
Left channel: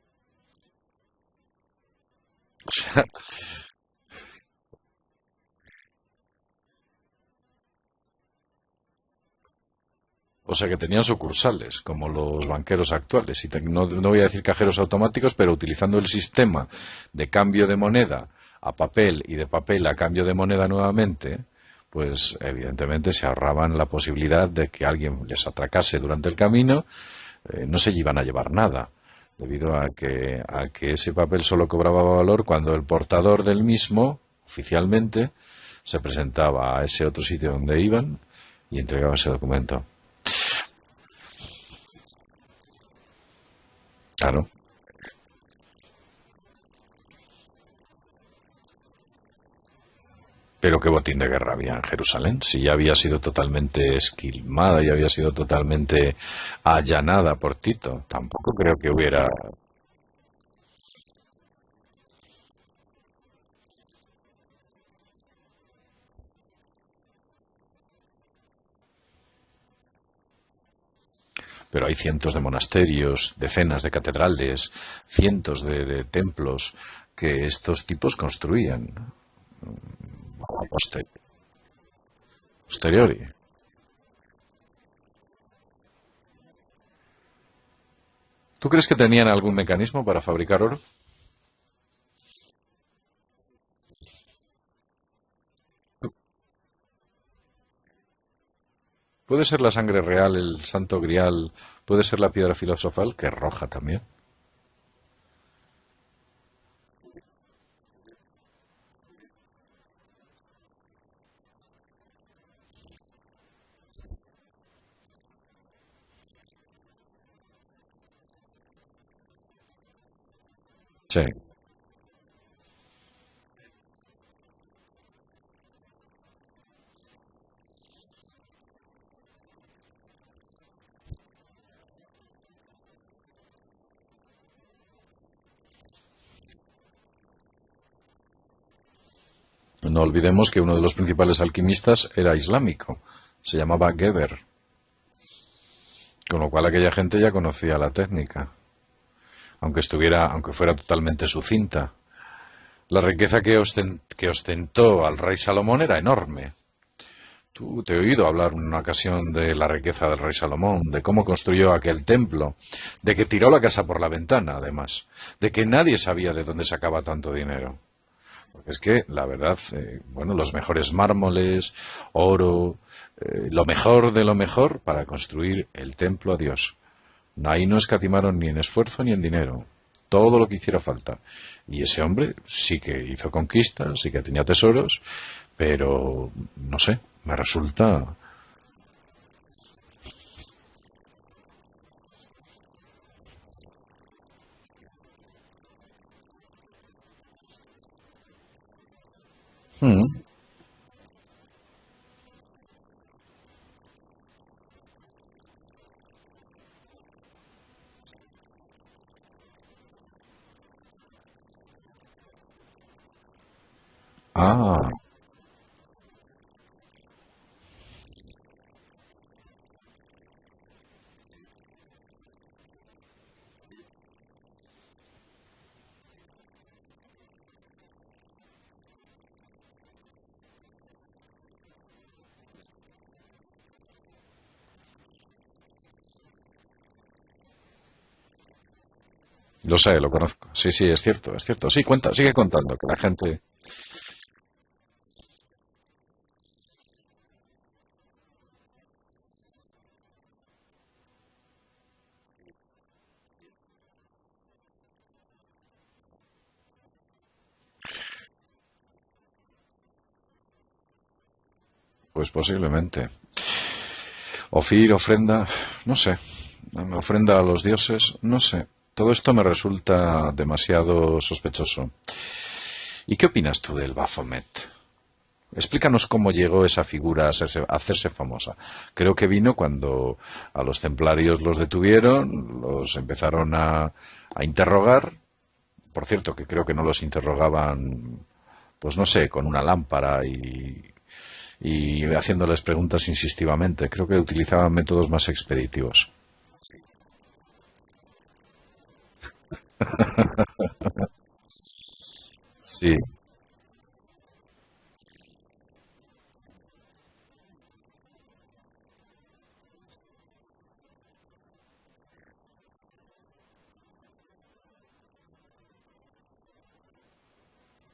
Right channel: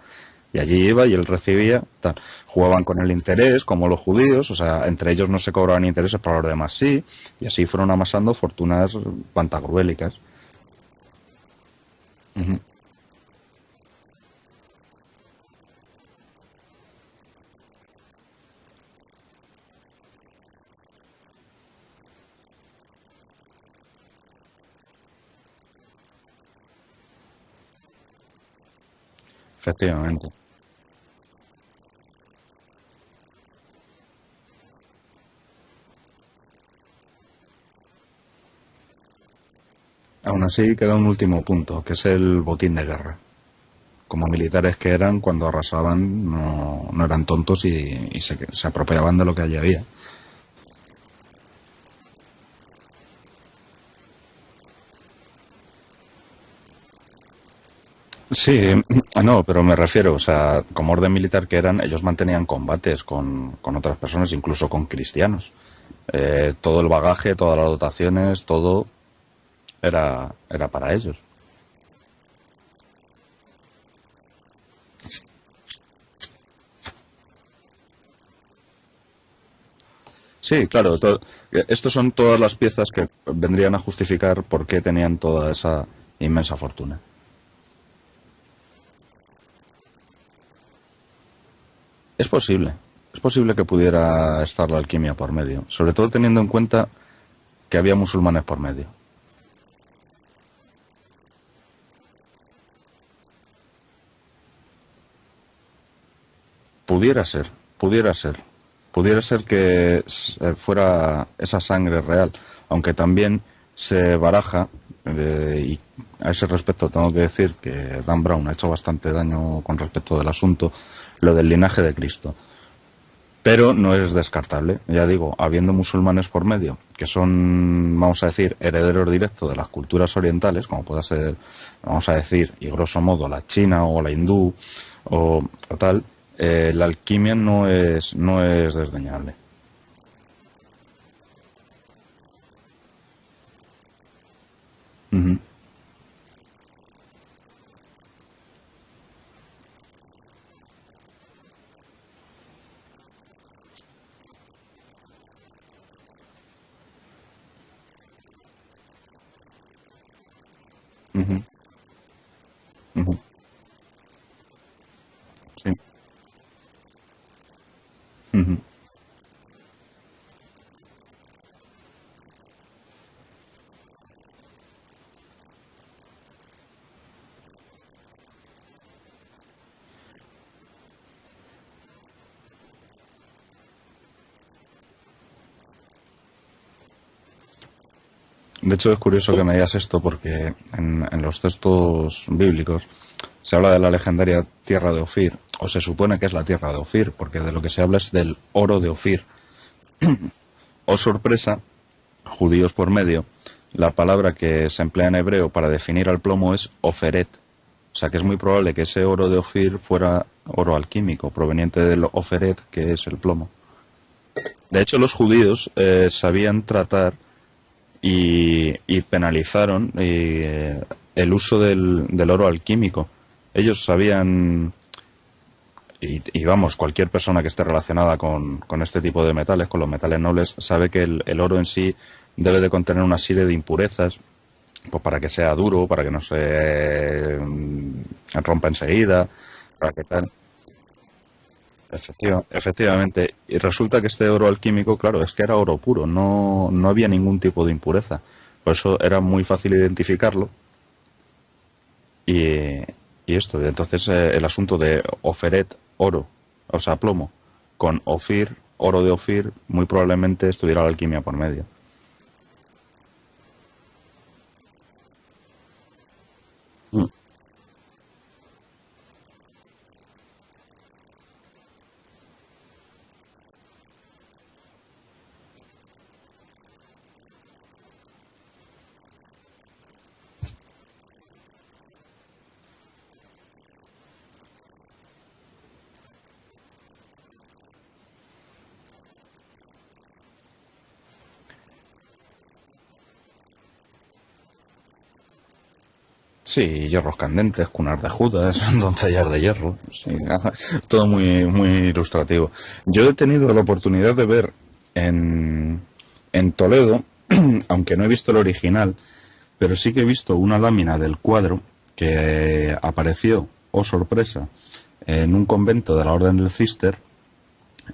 Y allí iba y él recibía, tal. Jugaban con el interés, como los judíos, o sea, entre ellos no se cobraban intereses, para los demás sí, y así fueron amasando fortunas pantagruélicas. O sea que tenían sucursales, como los Ujú. banqueros actuales. Y no voy a decir cajeros automáticos, pero utilizando el sistema de cambio de moneda a papel y de papel a cambio de moneda nuevamente, pues evidentemente se ahorraban la posibilidad de que alguien les atracase durante el camino, no se iban a llevar nada, debido Efectivamente. a que ese papel solo cobraba valor cuando el portador del mismo, oficialmente, se presentaba a ese otro sitio donde iban y entregaba ese documento. Aún así queda un último punto, que es el botín de guerra. Como Claro. militares que eran, cuando arrasaban, no eran tontos y se apropiaban de lo que allí había. Pero qué botín de guerra había en Jerusalén, si ya había sido totalmente esquilmada, ya había sido totalmente allanada por Tito. Tampoco Sí, creo que hubiera. no, pero me refiero, o sea, como orden militar que eran, ellos mantenían combates con otras personas, incluso con cristianos. Todo el bagaje, todas las dotaciones, todo era para ellos. Pero hay cientos de monasterios, decenas de catedrales, cientos de templos que estos tipos construían a Sí, claro, estos son todas las piezas que posteriori. vendrían a justificar por qué tenían toda esa inmensa fortuna. ¿Tú crees que tenían algún mecanismo para fabricar oro? Es posible, es posible que pudiera estar la alquimia por medio, sobre todo teniendo en cuenta que había musulmanes por medio. ¿Puede ser la sangre real, el santo grial, ¿Puede ser la piedra filosofal, que es roja también? Pudiera ser, pudiera ser. Pudiera ser que fuera esa sangre real, aunque también se baraja, y a ese respecto tengo que decir que Dan Brown ha hecho bastante daño con respecto del asunto, Sí. lo del linaje de Cristo. Pero no es descartable, ya digo, habiendo musulmanes por medio, que son, vamos a decir, herederos directos de las culturas orientales, como pueda ser, vamos a decir, y grosso modo, la china o la hindú o tal, la alquimia no es desdeñable. No olvidemos que uno de los principales alquimistas era islámico, se llamaba Geber, Ujú. con lo cual aquella gente ya conocía la técnica, aunque fuera totalmente sucinta. La riqueza que ostentó al rey Salomón era enorme. Tú te he oído hablar en una ocasión de la riqueza del rey Salomón, de cómo Ujú. construyó aquel templo, de Ujú. que tiró la casa por la ventana, además, de que Sí. nadie sabía de dónde sacaba tanto dinero. Ujú. Es que, la verdad, bueno, los mejores mármoles, oro, lo mejor de lo mejor para construir el templo a Dios. Ahí no escatimaron ni en esfuerzo ni en dinero. Todo lo que hiciera falta. Y ese hombre sí que hizo conquistas, sí que tenía tesoros, pero no sé, me resulta... De hecho, es curioso que me digas esto porque en los textos bíblicos se habla de la legendaria tierra de Ofir, o se supone que es la tierra de Ofir, porque de lo que se habla es del oro de Ofir. Mm, O sorpresa, judíos por medio, la palabra que se emplea en hebreo para definir al plomo es oferet. O sea que es muy probable que ese oro de Ofir fuera oro alquímico, proveniente del oferet, que es el plomo. De ah, hecho, los judíos sabían tratar y penalizaron el uso del oro alquímico. Ellos sabían, y vamos, cualquier persona que esté relacionada con este tipo de metales, con los metales nobles, sabe que el oro en sí debe de contener una serie de impurezas, pues para que sea duro, para que no se rompa enseguida, lo para sé, que lo tal. conozco. Sí, sí, es cierto, es cierto. Sí, cuenta, sigue Bueno, contando, que la efectivamente, gente... y resulta que este oro alquímico, claro, es que era oro puro, no había ningún tipo de impureza. Por eso era muy fácil identificarlo. Y, y esto, entonces el asunto de Oferet, oro, o sea, plomo, con Ofir, oro de Ofir, muy probablemente estuviera la alquimia por medio. Pues posiblemente. Ofir, ofrenda, no sé. Ofrenda a los dioses, no sé. Todo esto me resulta demasiado sospechoso. ¿Y qué opinas tú del Baphomet? Explícanos cómo llegó esa figura a hacerse famosa. Creo que vino cuando a los templarios los detuvieron, los empezaron a interrogar. Por cierto, que creo que no los interrogaban, pues no sé, con una lámpara y haciéndoles preguntas insistivamente. Creo que utilizaban métodos más expeditivos. Sí, hierros candentes, cunas de Judas, doncellas de hierro, sí, todo muy ilustrativo. Sí. Yo he tenido la oportunidad de ver en Toledo, aunque no he visto el original, pero sí que he visto una lámina del cuadro que apareció, oh sorpresa, en un convento de la Orden del Cister,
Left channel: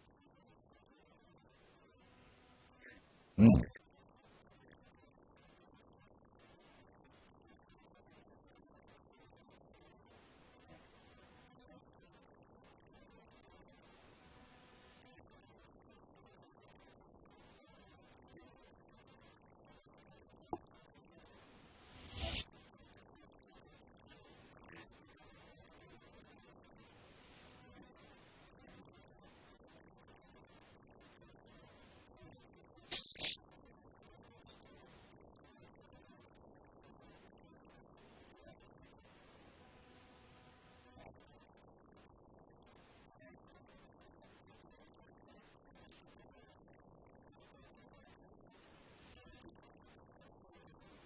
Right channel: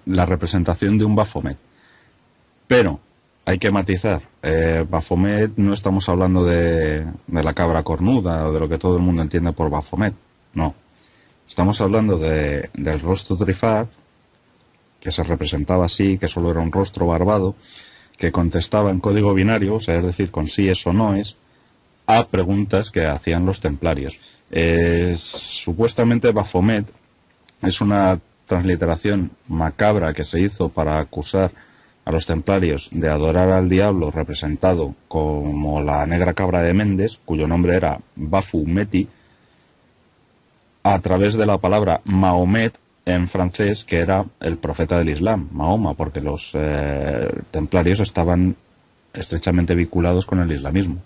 la representación de un Baphomet. Pero hay Mm. que matizar, Baphomet no estamos hablando de la cabra cornuda o de lo que todo el mundo entiende por Baphomet, no. Estamos hablando del rostro trifaz, que se representaba así, que solo era un rostro barbado, que contestaba en código binario, o sea, es decir, con sí es o no es, a preguntas que hacían los templarios. Supuestamente Baphomet es una transliteración macabra que se hizo para acusar a los templarios de adorar al diablo representado como la negra cabra de Méndez, cuyo nombre era Bafumeti, a través de la palabra Mahomet en francés, que era el profeta del Islam, Mahoma, porque los templarios estaban estrechamente vinculados con el islamismo.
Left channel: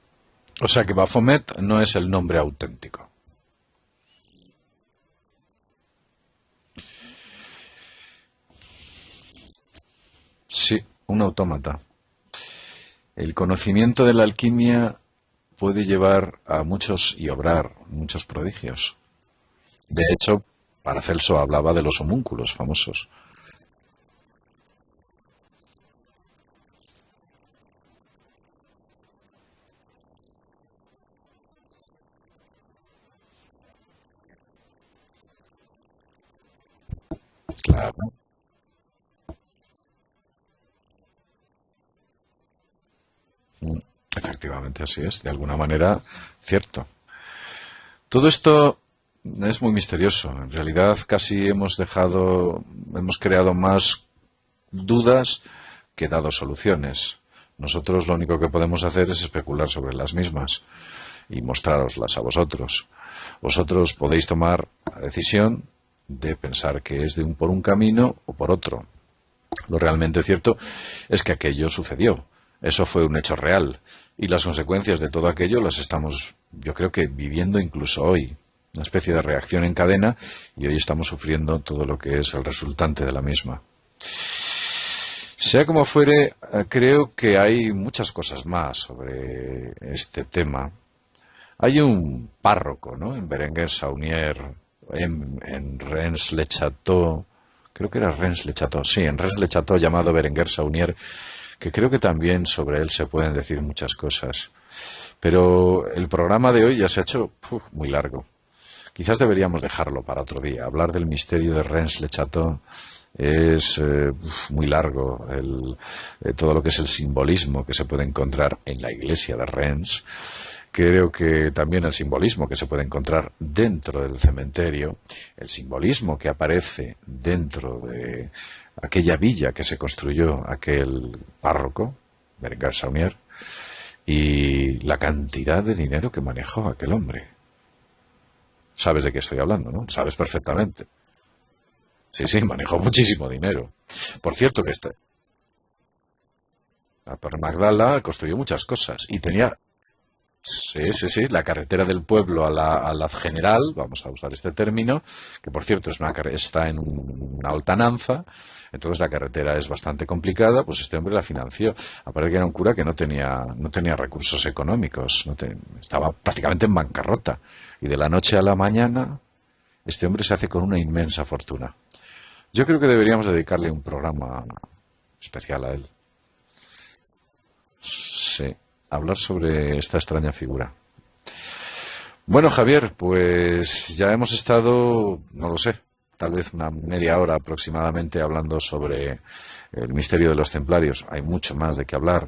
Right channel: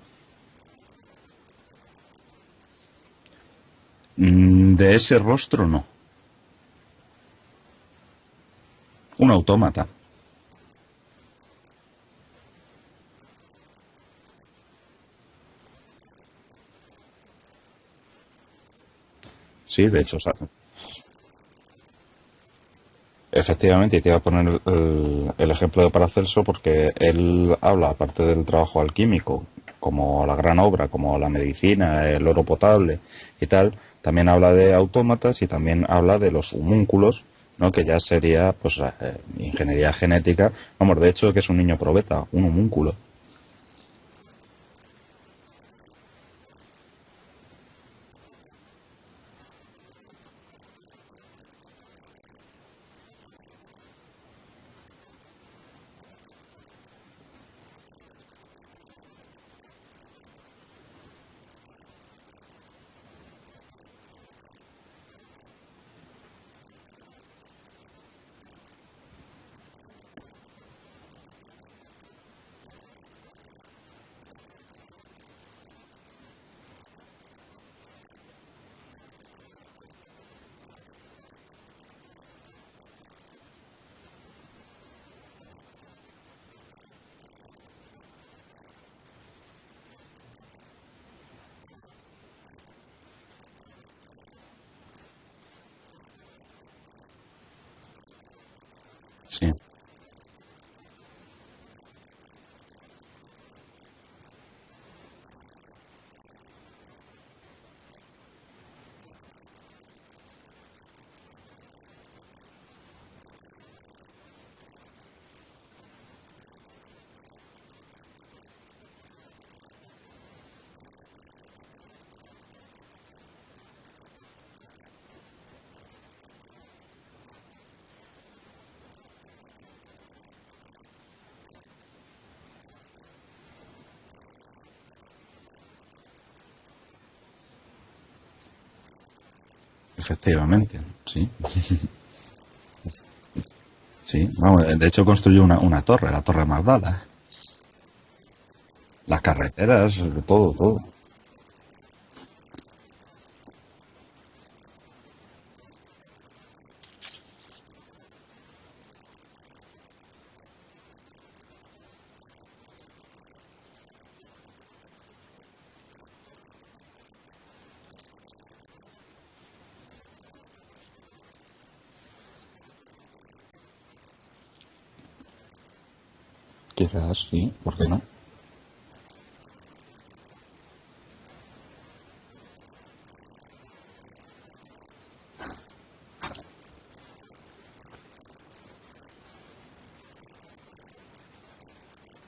O sea que Baphomet no es el nombre auténtico. De ese rostro no. Un autómata. Sí, un autómata. El conocimiento de la alquimia puede llevar a muchos y obrar muchos prodigios. Sí, de De hecho, hecho, Paracelso hablaba de los homúnculos famosos. efectivamente, y te iba a poner el ejemplo de Paracelso porque él habla, aparte del trabajo alquímico, como la gran obra, como la medicina, el oro potable y tal, también habla de autómatas y también habla de los homúnculos, ¿no? Que ya sería pues ingeniería genética. Vamos, de hecho, que es un niño probeta, un homúnculo. Efectivamente, así es. De alguna manera, cierto. Todo esto es muy misterioso. En realidad, casi hemos creado más dudas que dado soluciones. Nosotros lo único que podemos hacer es especular sobre las mismas y mostrároslas a vosotros. Vosotros podéis tomar la decisión de pensar que es por un camino o por otro. Lo realmente cierto es que aquello sucedió. Eso fue un hecho real. Y las consecuencias de todo aquello las estamos, yo creo que, viviendo incluso hoy. Una especie de reacción en cadena, y hoy estamos sufriendo todo lo que es el resultante de la misma. Sea como fuere, creo que hay muchas cosas más sobre este tema. Hay un párroco, ¿no?, en Berenguer-Saunier, en Rennes-le-Château, creo que era Rennes-le-Château, sí, en Rennes-le-Château, llamado Berenguer-Saunier, que creo que también sobre él se pueden decir muchas cosas. Pero el programa de hoy ya se ha hecho muy largo. Quizás deberíamos dejarlo para otro día. Hablar del misterio de Rennes-le-Château es muy largo. Todo lo que es el simbolismo que se puede encontrar en la iglesia de Rennes. Creo que también el simbolismo que se puede encontrar dentro del cementerio, el simbolismo que aparece dentro de aquella villa que se construyó aquel párroco, Berenguer-Saunier, y la cantidad de dinero que manejó aquel hombre. Sabes de qué estoy hablando, ¿no? Sabes perfectamente. Sí. Sí, manejó muchísimo dinero. Sí, por cierto, de hecho construyó una torre, la Torre Magdala. La Torre Magdala construyó muchas cosas. Las carreteras, todo. Sí, la carretera del pueblo a la general, vamos a usar este término, que por cierto está en una altananza. Entonces la carretera es bastante complicada, pues este hombre la financió. Aparte que era un cura que no tenía recursos económicos, estaba prácticamente en bancarrota. Y de la noche a la mañana, este hombre se hace con una inmensa fortuna. Yo creo que deberíamos dedicarle un programa especial a él. Quizás, sí, ¿por qué no? Sí, hablar sobre esta extraña figura. Bueno, Javier, pues ya hemos estado, no lo sé, tal vez una media hora aproximadamente hablando sobre el misterio de los templarios. Hay mucho más de qué hablar.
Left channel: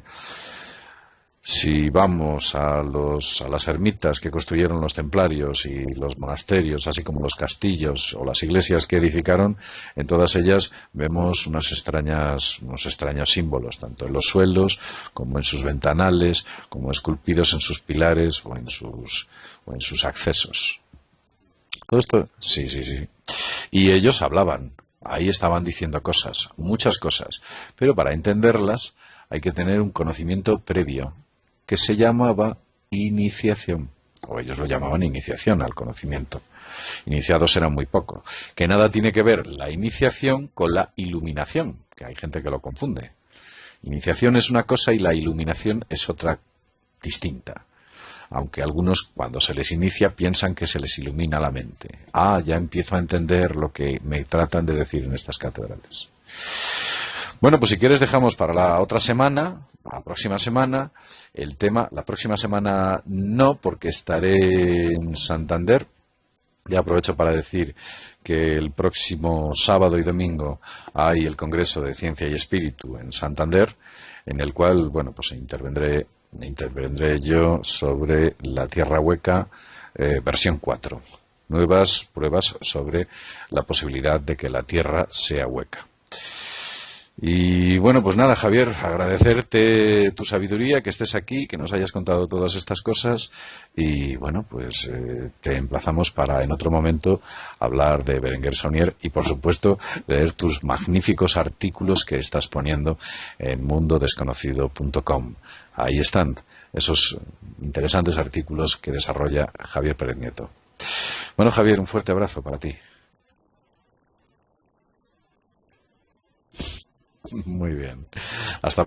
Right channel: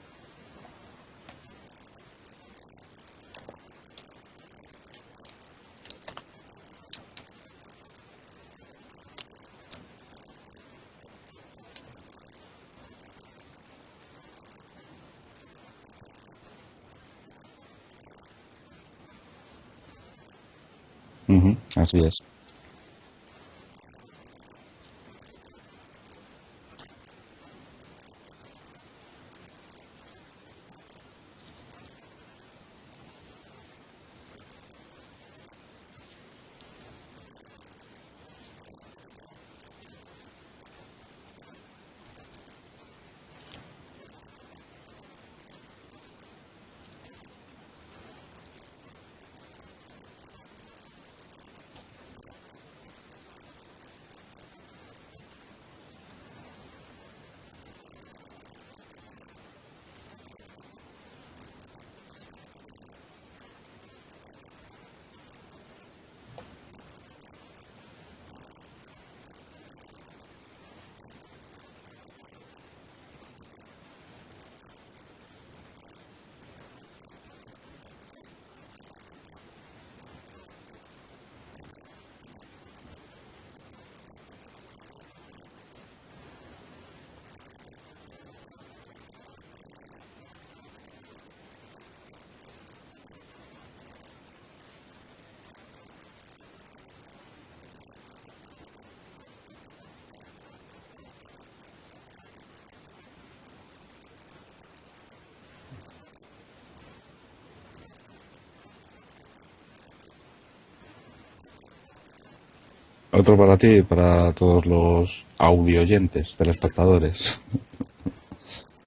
Si vamos a las ermitas que construyeron los templarios y los monasterios, así como los castillos o las iglesias que edificaron, en todas ellas vemos unos extraños símbolos, tanto en los suelos como en sus ventanales, como esculpidos en sus pilares o en sus accesos. Todo esto, sí. Y ellos hablaban, ahí estaban diciendo cosas, muchas cosas, pero para entenderlas hay que tener un conocimiento previo, que se llamaba iniciación, o ellos lo llamaban iniciación al conocimiento. Iniciados eran muy poco. Que nada tiene que ver la iniciación con la iluminación, que hay gente que lo confunde. Iniciación es una cosa y la iluminación es otra distinta. Aunque algunos, cuando se les inicia, piensan que se les ilumina la mente. Ya empiezo a entender lo que me tratan de decir en estas catedrales. Bueno, pues si quieres dejamos para la próxima semana, el tema. La próxima semana no, porque estaré en Santander. Ya aprovecho para decir que el próximo sábado y domingo hay el Congreso de Ciencia y Espíritu en Santander, en el cual, bueno, pues intervendré yo sobre la Tierra hueca, versión 4. Nuevas pruebas sobre la posibilidad de que la Tierra sea hueca. Y bueno, pues nada, Javier, agradecerte tu sabiduría, que estés aquí, que nos hayas contado todas estas cosas y bueno, pues te emplazamos para en otro momento hablar de Berenguer-Saunier y por supuesto leer tus magníficos artículos que estás poniendo en mundodesconocido.com. Ahí están esos interesantes artículos que desarrolla Javier Pérez Nieto. Bueno, Javier, un fuerte abrazo para ti. Otro para ti y para todos los audioyentes, telespectadores. Muy bien. Hasta